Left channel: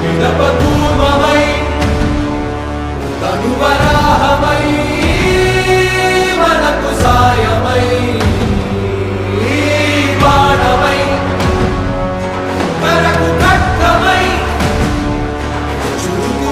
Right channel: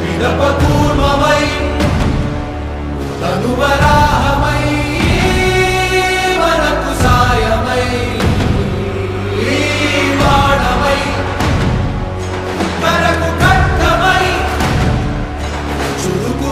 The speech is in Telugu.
విడపకు